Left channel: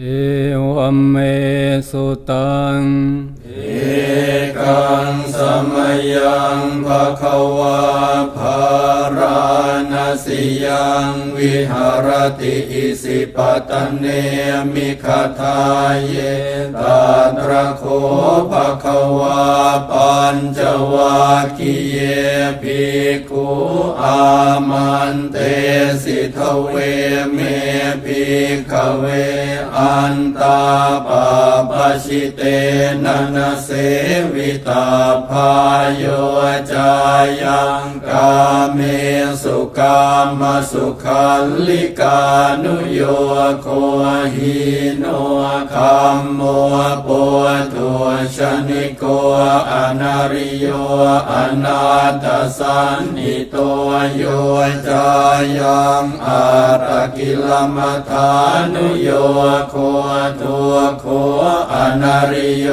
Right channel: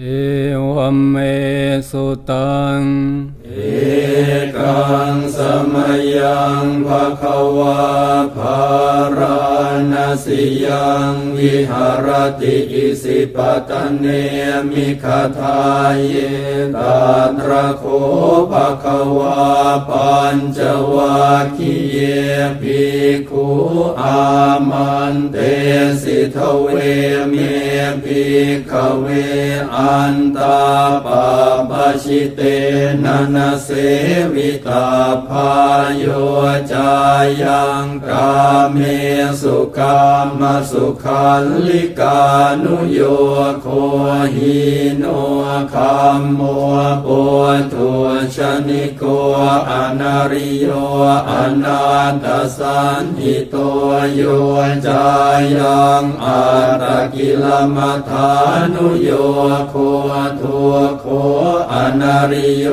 เอวัมเมสุตัง เอกังสมยังภะคะวาภาราณสิยัง วิหารติอิสิปตเนมิคทาเยตาตระโคภะคะวาปัญจวัคคีเยภิกขุอามันเตสิทเวเมภิกขเวอันตาปาปชิเตนะนะเสวิตาพายโยจายังกาเมสุกามสุขันลิกานุโยโคหิโนคัมโมปุถุชนิโกอนาริโยอนาตสันติโตโยจายังอาตกิลมัฐานุโยโคทุโคอนาริโย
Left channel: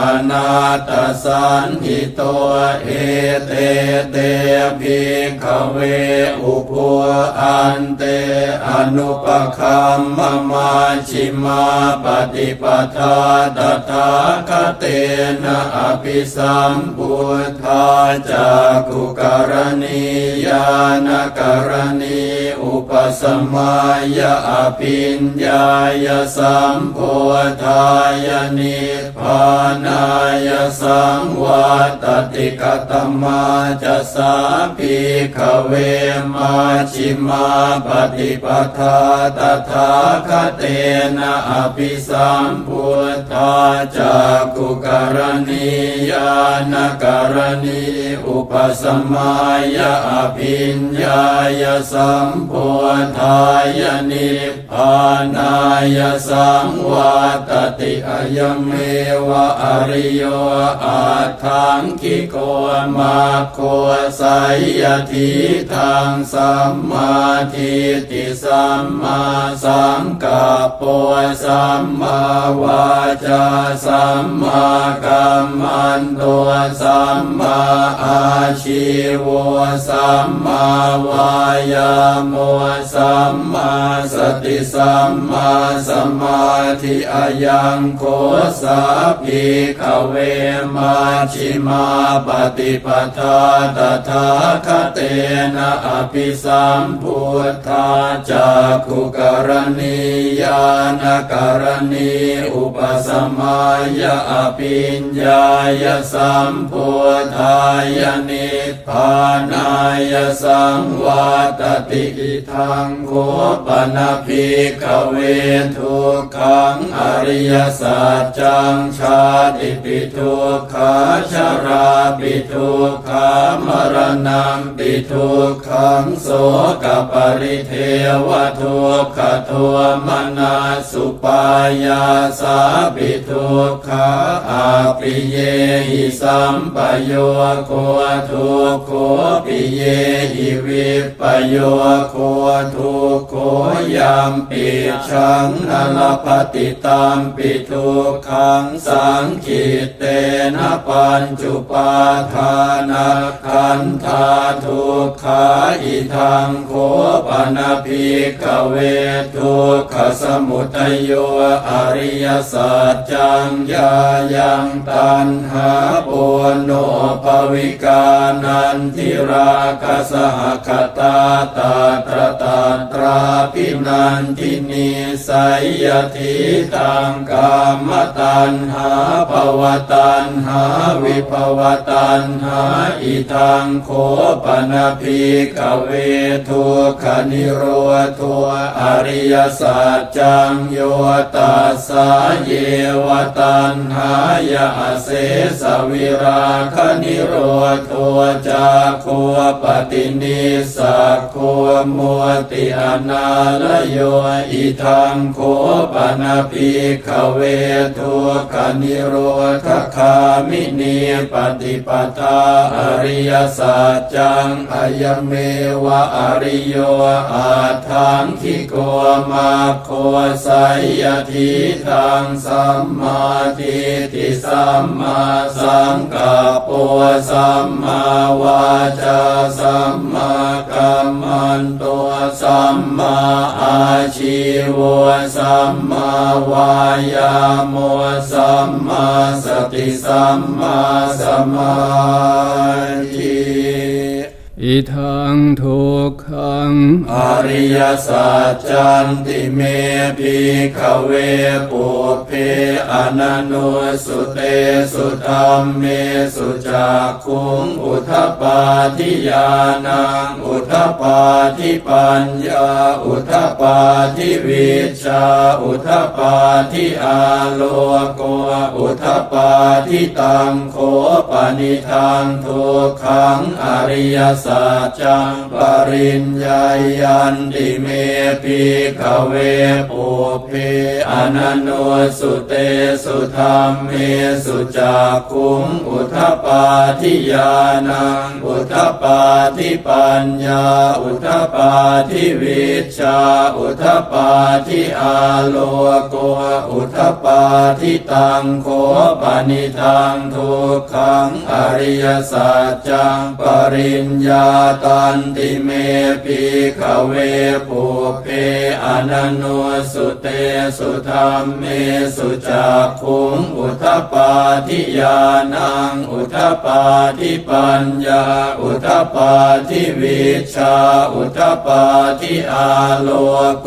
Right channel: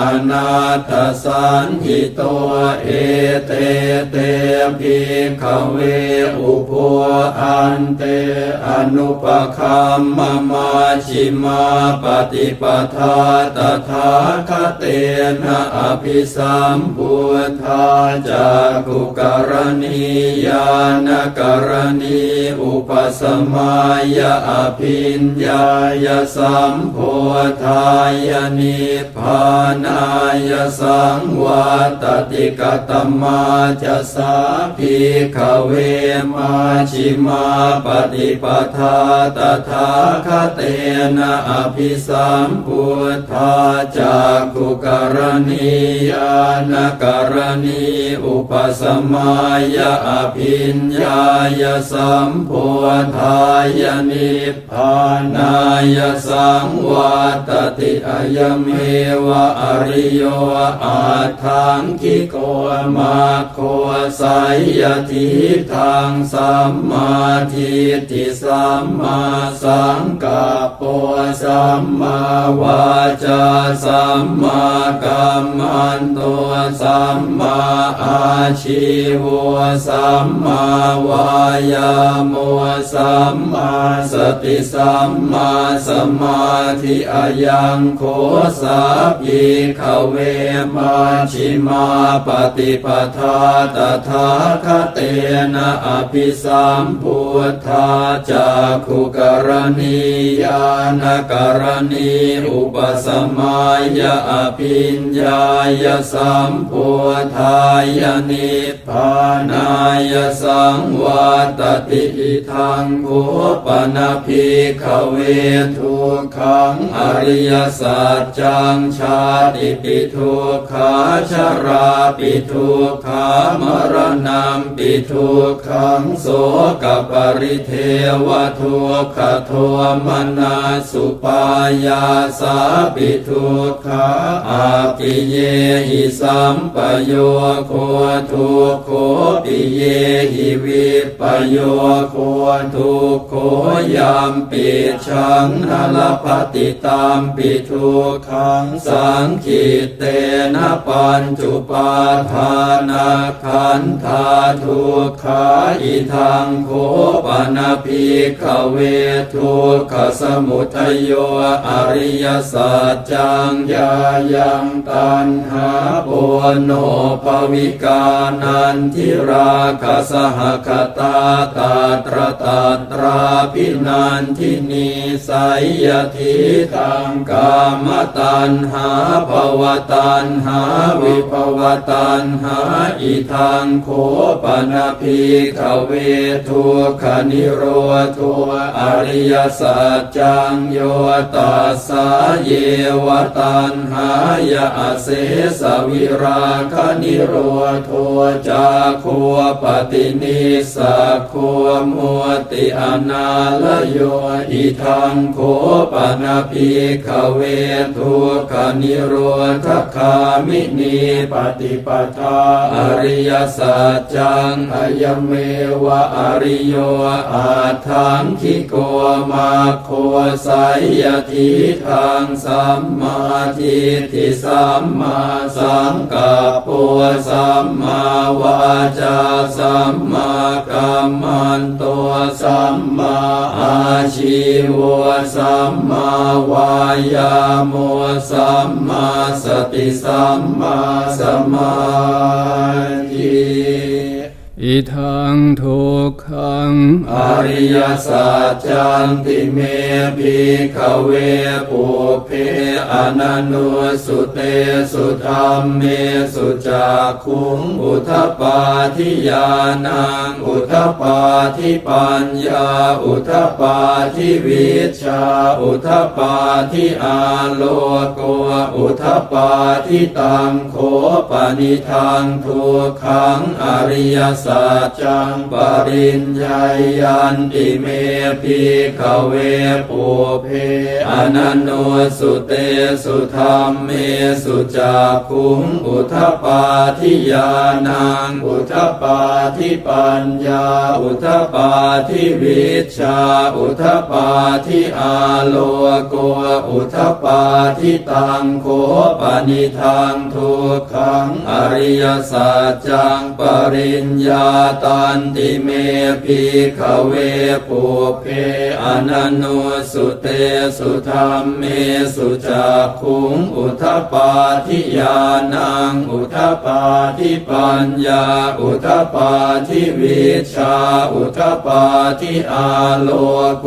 อนาตสันติโตเอเตเตภิกขเวอุปัวอันเตอนุปคัมมมาชิมาปฏิปทาตถาคเตนะอภิสัมพุทธาจากุกรณียานกรณีอุปสมัยอภิญญายสัมโพธายนิพานายสังวัตติกตมาจะสาภิกเวมาชิมาปฏิปทาตถาคเตนะอภิสัมพุทธาจากุกรณียานกรณีอุปสมัยอภิญญายสัมโพธายนิพพานายสังวัตติอยเมวะอริโยอาทังคิโกมาโคสายทิทางสัมมาทิฏฐิสัมมาสังกัปปะสัมมาวาจาสัมมากัมมันโตสัมมาอาชีวสัมมาวายาโมสัมมาสติสัมมาสมาธิอายังโคสาภิกเวมาชิมาปฏิปทาตถาคเตนะอภิสัมพุทธาจากขุกรณียานกรณีอุปสมัยอภิญญายสัมพุทธายนิพพานายสังวัตติอิทังโคปนภิกขเวทุกขังอริยสัจจังชาติปิทุกขาชราปิทุกขามรณะปิทุกขังโสกปริเทวทุกขโทมนาสุปายาสาปิทุกขาอาปิเยหิสัมปโยโคทุกโคปิเยหิวิปโยโคทุกโคยามปิชังนลปฏิตามปิทุกขังสังคิเตนะปัญจุปาทานาขันธาทุกขาอิทังโคปปนาภิกเวทุกขสมุทัยโยอริยสัจจังยายังตันหาปุโนภวิกานันทิราคสหคตาตาตรตาตราพินันทินีสัยยทิตังกามตันหาภวตันหาวิภวตันหาอิทังโคปนาภิกเวทุกขนิโรธัวอริยสัจจังโยตัสสาเยวตันหายาเสสวิราคนิโรธัวจาโคปฏินิสัตโคมัวติอนาลโยอิทังโคปนภิกขเวทุกนิโรธคามินีปฏิปทาอริยสัจจังอายเมวะอริโยอาทังคิโกมาโคไสยทิทางสัมมาทิฏฐิสัมมาสังกัปปะสัมมาวาจาสัมมากัมมันโตสัมมาอาชีวสัมมาวายาโมสัมมาสติสัมมาสมา อิทังทุกขังอริยสัจจันติเมภิกขเวปุเพอนันโนสุเตสุธรรมเมสุจักขุงอุทปาทิยานังอุทปาทิปัญญาอุทปาทิวิชาอุทปาทิอาโลโกอุทปาทิตังโคปนิทังทุกขังอริยสััจจังปริญญายันติเมปิขเวปุเพอนันโนสุเตสุธรรมเมสุจักขุงอุทปปาทิยานังอุทปปาทิปัญญา อุทปปาทิวิชา อุทปปาทิอาโลโก อุทปปาทิตังโคปนิทังทุกขังอริยสัจจังปริญญาตันติเมปิขเวปุเพอนันโนสุเตสุธรรมเมสุจักขุงอุทปปาทิยานังอุทปปาทิปัญญาอุทปปาทิวิชาอุทปปาทิอาโลโก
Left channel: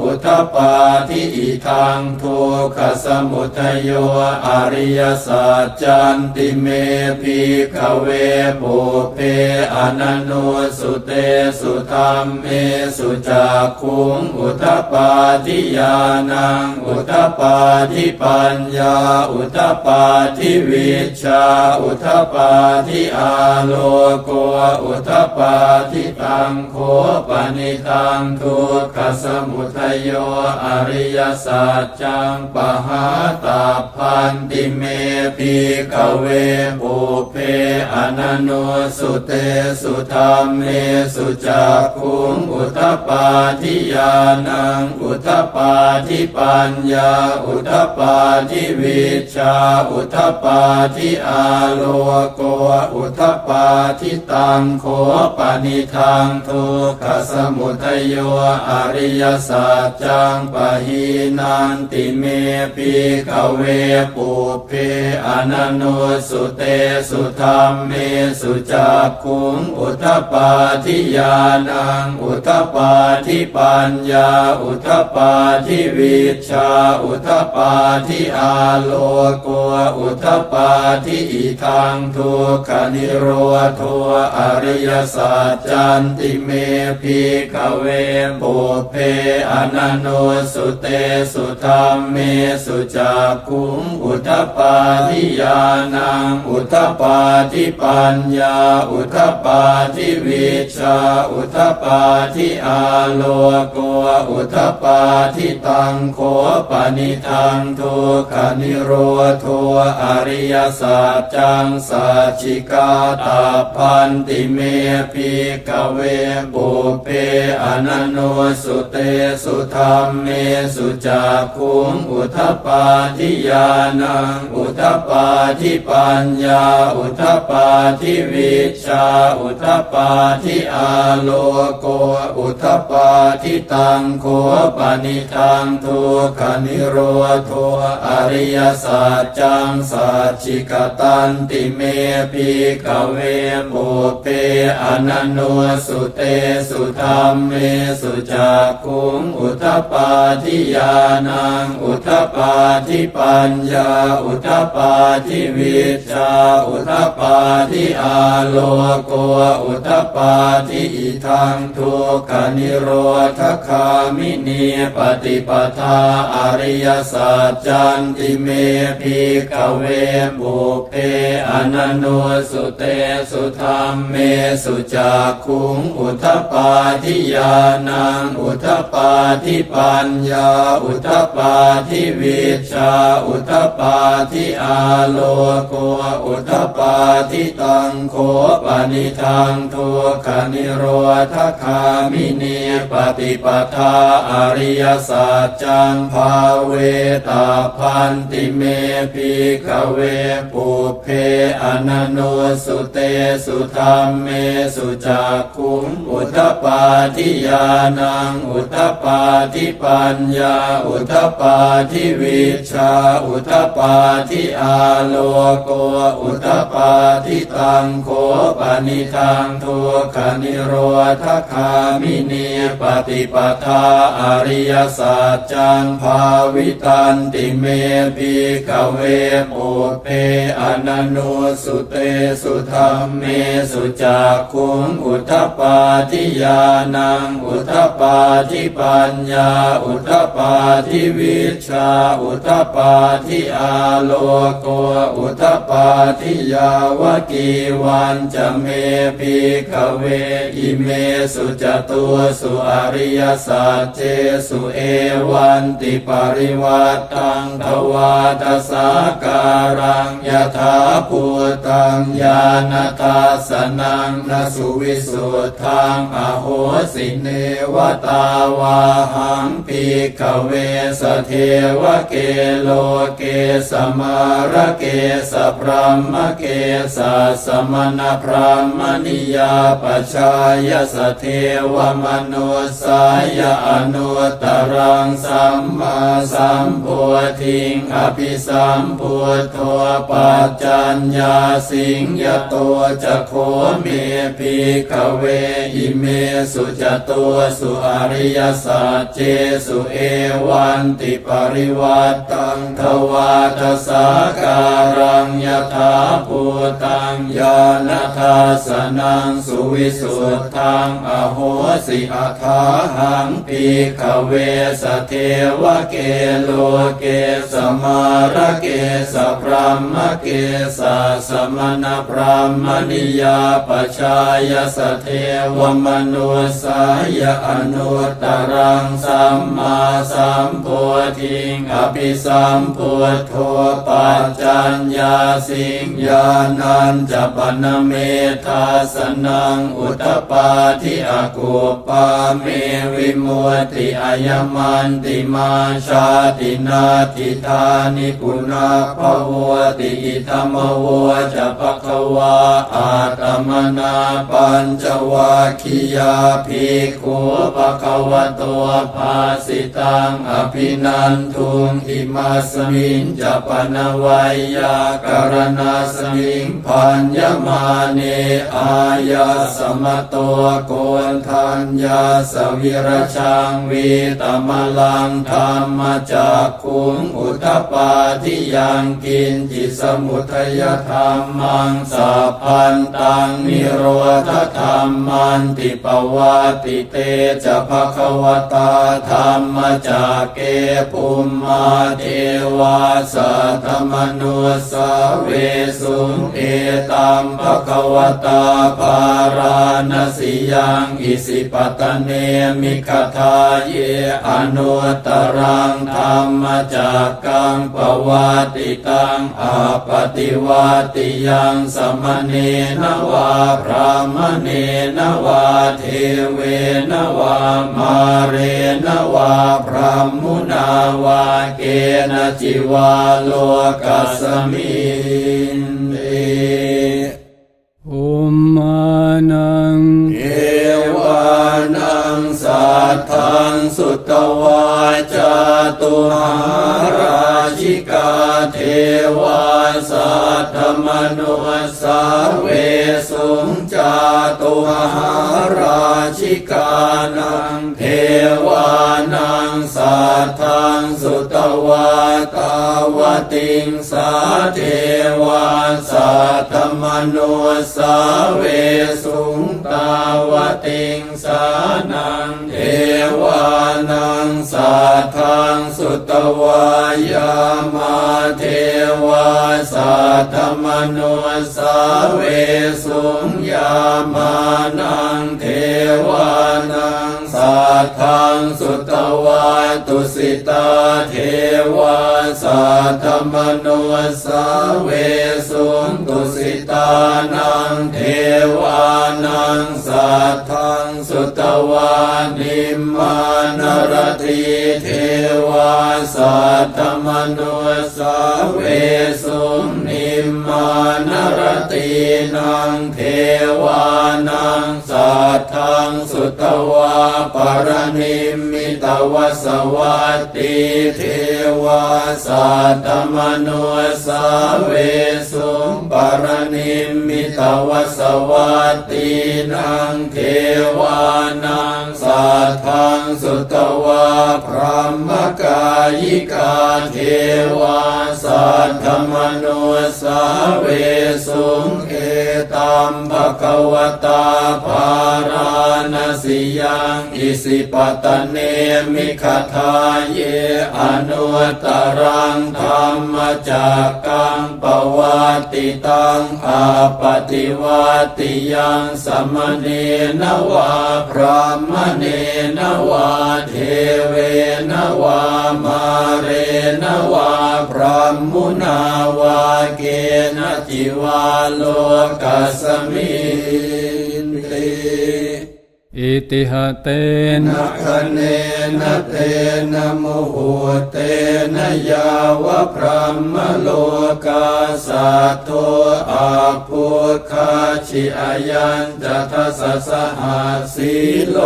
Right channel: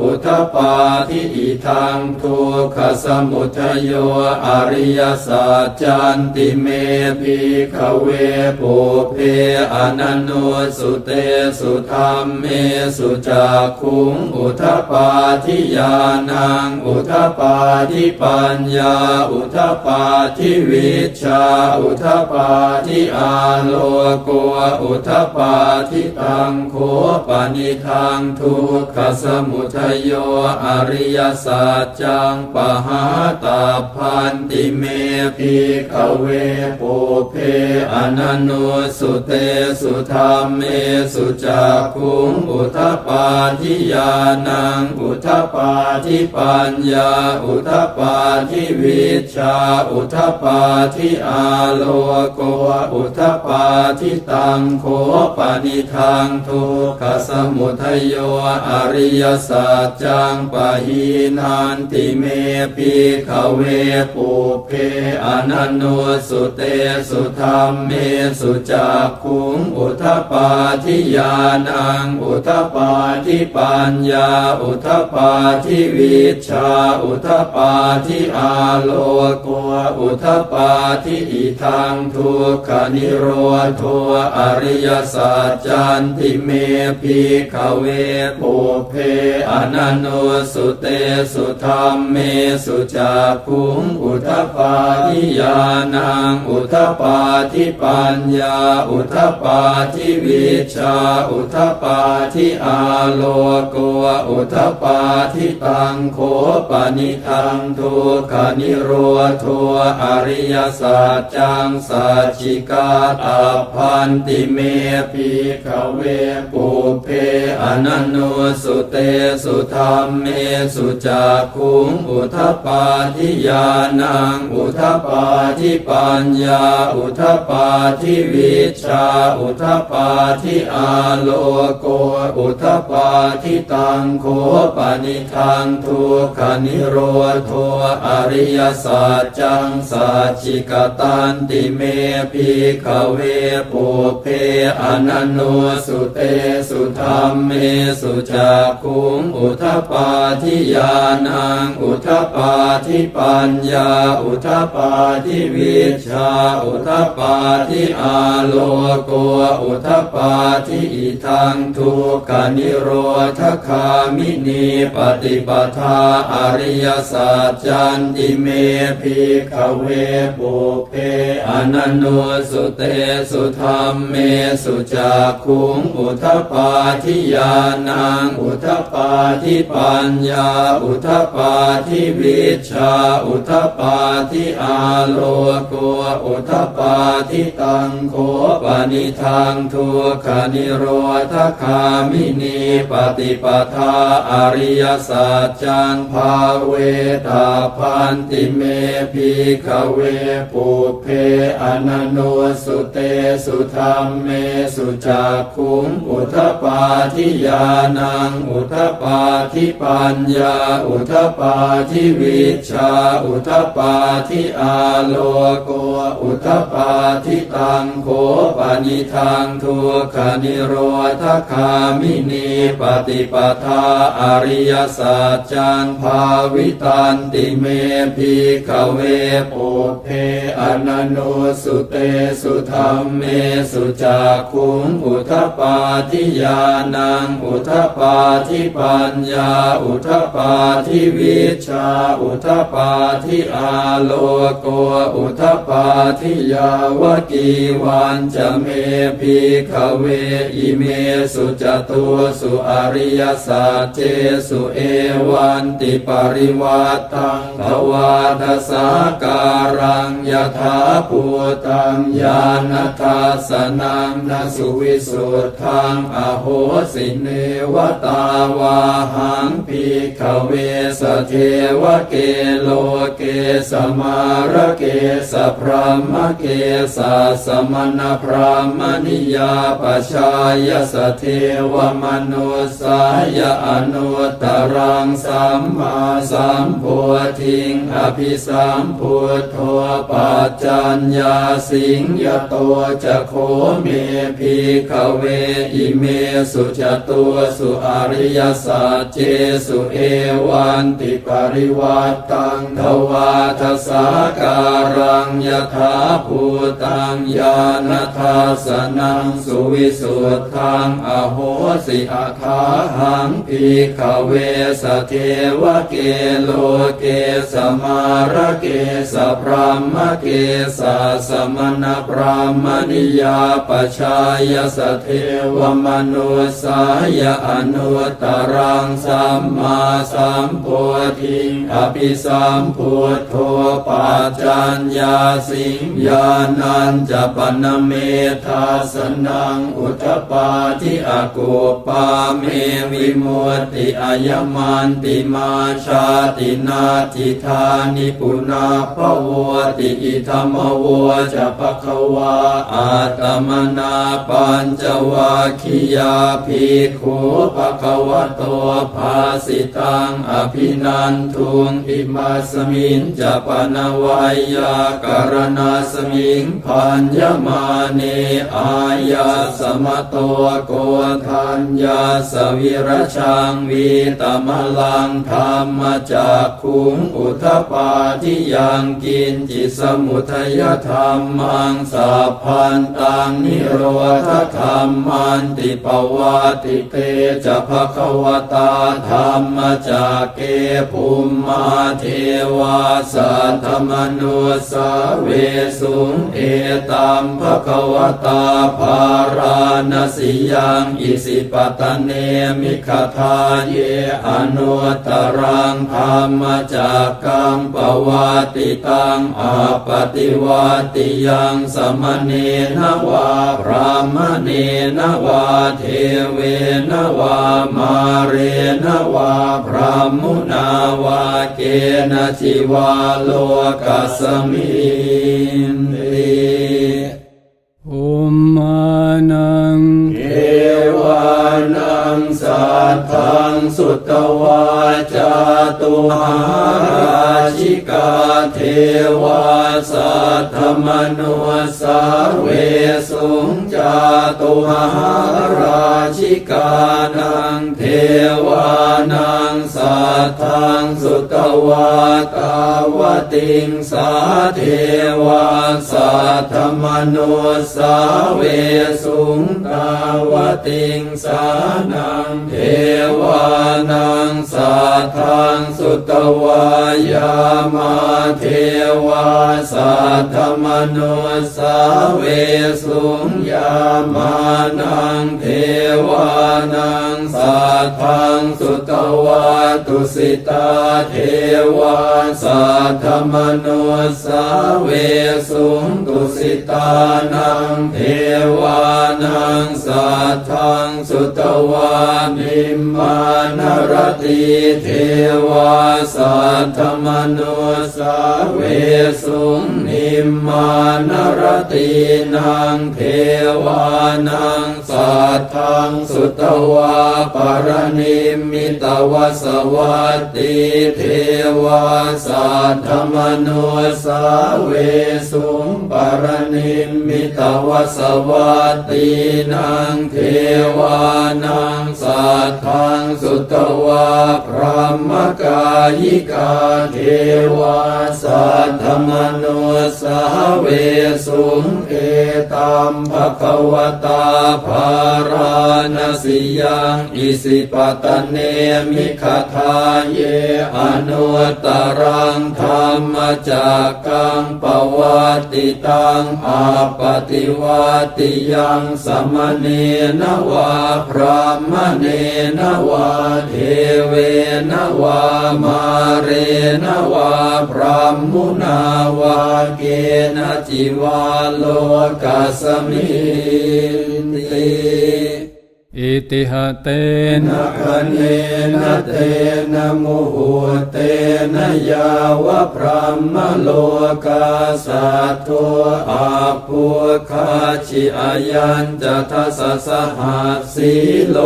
อุทปปาทิอิทังทุกขสมุทโยอริยสัจจันติเมภิกขเวปุเพอนันโนสุเตสุธรรมเมสุจักขุงอุทปปาทิยานังอุทปปาทิปัญญา อุทปปาทิวิชา อุทปปาทิอาโลโกอุทปปาทิตังโคปนิทังทุกขสมุทโยอริยสัจจังปหาตาพันติเมปิขเวปุเพอนันโนสุเตสุธรรมเมสุจักขุงอุทปาทิยานังอุทปาทิปัญญา อุทปาทิวิชา อุทปาทิอาโลโก อุทปาทิตังโคปนิทังทุกขสมุทัยโยอริยสัจจังปะหีนันติเมปิขเวปุเพอนันโนสุเตสุธรรมเมสุจักขุงอุุทปปาทิยานัง อุทปปาทิปัญญา อุทปปาทิวิชา อุทปปาทิอาโลโกอุทปปาทิอิทังทุกขนิโรธอริยสัจจันติเมภิกเวปุเพอนันโนสุเตสุธรรมเมสุจักุงอุทปปาทิยานัง อุทปปาทิปัญญา อุทปาทิวิชาอุทปาทิอาโลโกอุทปาทิตังโคปนิทังทุกขนิโรธอริยสัจจังสัจจิกาตาพันติเมภิกเวปุเพอนันโนสุเตสุธรรมเมสุจักขุงอุทปาทิยานังอุทปาทิปัญญาอุทปาทิวิชาอุทปปาทิอาโลโกอุทปปาทิตังโคปนิทังทุกนิโรธอริยสัจจังสัจจิกตันติเมภิกเวปุเพอนันโนสุเตสุธรรมเมสุจักขุงอุทปปาทิยานังอุทปปาทิปัญญาอุทปปาทิวิชาอุทปาทิอาโลโกอุทปาทิอิทังทุกนิโรธคามินีปฏิปทาอริยสัจจันติเมภิกขเวปุเพอนันโนสุเตสุธรรมเมสุจักขุงอุทปาทิยานังอุทปาทิปัญญาอุทปาทิวิชาอุทปาทิอาโลโกอุทปปาทิตังโคปนิทัทังทุกขนิโรธคามินีปฏิปทาอริยสัจจังภาเวตาพันติเมพิขเวปุเพอนันโนสุเตสุธรรมเมสุจักขุงอุทปาทิยานังอุทปาทิปัญญาอุทปาทิวิชาอุทปาทิอาโลโกอุทปาทิตังโคปนิทัังทุกขนิโรธคามินีปฏิปทาอริยสัจจังภาวิตันติเมพิขเวปุเพอนันโนสุเตสุธรรมเมสุจักขุงอุทปาทิยานังอุทปาทิปัญญาอุทปาทิวิชาอุทปาทิอาโลโกอุทปาทิยาวกีวันจะเมพิขเวอิเมสุจตัวสุอริยสัจเจสุเอวันติปริวัตังทวาทสาการังยถาภูตังญาณทัสนังนสุวิสุทธังอโหสิเนวตาวาหังพิขเวสเทวเกโลเกสมาระเกสพรหมเกสสมณพรหมนิยาปชายสเทวมนุสายอนุตรังสัมมาสัมโพธิงอภิสัมพุทโธปัจจัญญาสิงยโตจะโคเมพิกเวอิเมสุจตัวสุอริยสัจเจสุเอวันติปริวัตตังทวาทสาการังยถาภูตังญาณทัสสนังสุวิสุทธังอโหสิอาคาหังพิกเวสเทวเกโลเกสมาระเกสพรหมเกสสมณพรหมนิยาปชายสเทวมนุสายอนุตตรังสัมมาสัมโพธิงอภิสัมพุทโธปัจจัญญาสิงญานันจะปนเมธาสนังอุตตปาทิอากุปาเมวิมุติอายมันติมาชาตินาทิธานิปุนาภวติอิธรรมวจะปะคะวาอาตมนาปัญจวัคคียาภิกขุปะคะวะโตภาสิตังอภินันทุงอิมาสมิงจะปนวัยยาการณาสมิงพัญญมาเนอายาสมโตโกนทัญญาสวิรชังวีตมลังธรรมจากขุงอุทปาทิยังกินจิสมุทยธรรมังสัพพันตังนิโรธธรรมันติปวาติเตจะภควตาธรรมจากเกภูมมาเทวาสัทธมนุสเวสุงเอตัมภควตาภาราณสิยังอิสิปตเนมิคทาเยอนุตรังธรรมจากกังปวัติตังอาปฏิวัติยังสมเนนวาพระมเนนวาเทเวนวามาเรนวาพระมุนาวาเกณจิวาโลกัสมินเออุ มมานังเอวานังสัทธังสุตวาจาตุหาราชิกาเทวาสัทธมนุสาเวสุงจาตุหาราชิกานังเทวานังสัทธังสุต วาตาวติงสาเทวาสัทธมนุสาเวสุงตาวติงสานังเทวานังสัทธังสุตวายามาเทวาสัทธมนุสาเวสุงยามานังเทวา วาตุสิตาเทวาสัทธมโนสาเวสุงตุสิตานังเทวานังสัทธังสุตวานิมมา นรติเทวาสัทธมโนสาเวสุนิมมานรตินังเทวานังสัทธังสุตวาปรนิมมิตวสวัตติเทวาสัทธมโนสาเวสุปรนิมมิตวสวัตตินังเทวานัง สัทธังสุตวาพระมกายิกาเทวาสัทธมโนสาเวสุงเอตัมภะคะวตาภาราณสิยังอิสิปตะเนมิขทาเยอนุตตร งธรรมจักกังปวัติตังอาปฏิวัติยังสมเนนวาพระมเนนวาเทเวนวามาเรนวาพระมุนาวาเกณจิวาโลกัสมินติ อิติหะเตนะคะเนนะเตนะโมหเตนะยาวะพระมโลกาสัตโตอาภูคาชิอายันจะทัสสะหาสีโล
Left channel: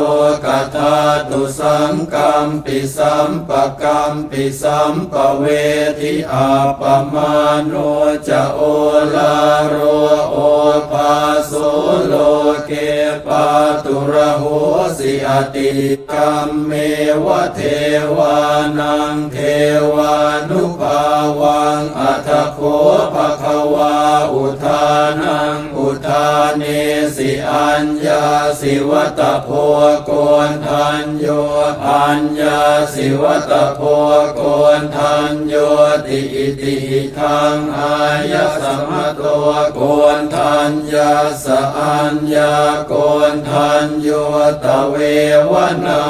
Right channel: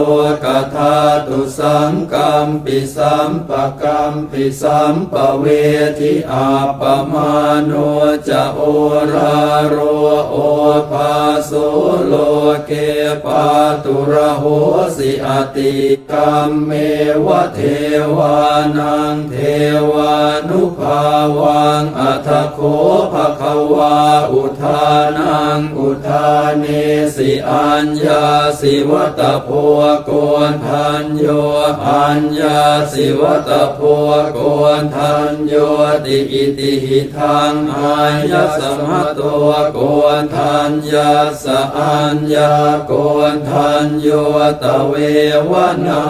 กธาตุสังกัมปิสัมปะกัมปิสัมปะเวทิอาปมาโนจะโอราโรโอภาโสโลเกปาตุระโหสิอติกรรมเมวะเทวานังเทวานุภาวังอัตโคภะคะ วาอุทานังอุทาเนสิอัญญาสิวัตโพโกนทันโยอัญญาสิวัตโพโกนทันโยติอิติหิทังอายะสมะโตโกนทันยาสะอัญญาโกนทันโยตเววนา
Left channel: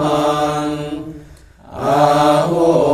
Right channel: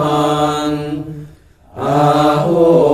หังอาหุ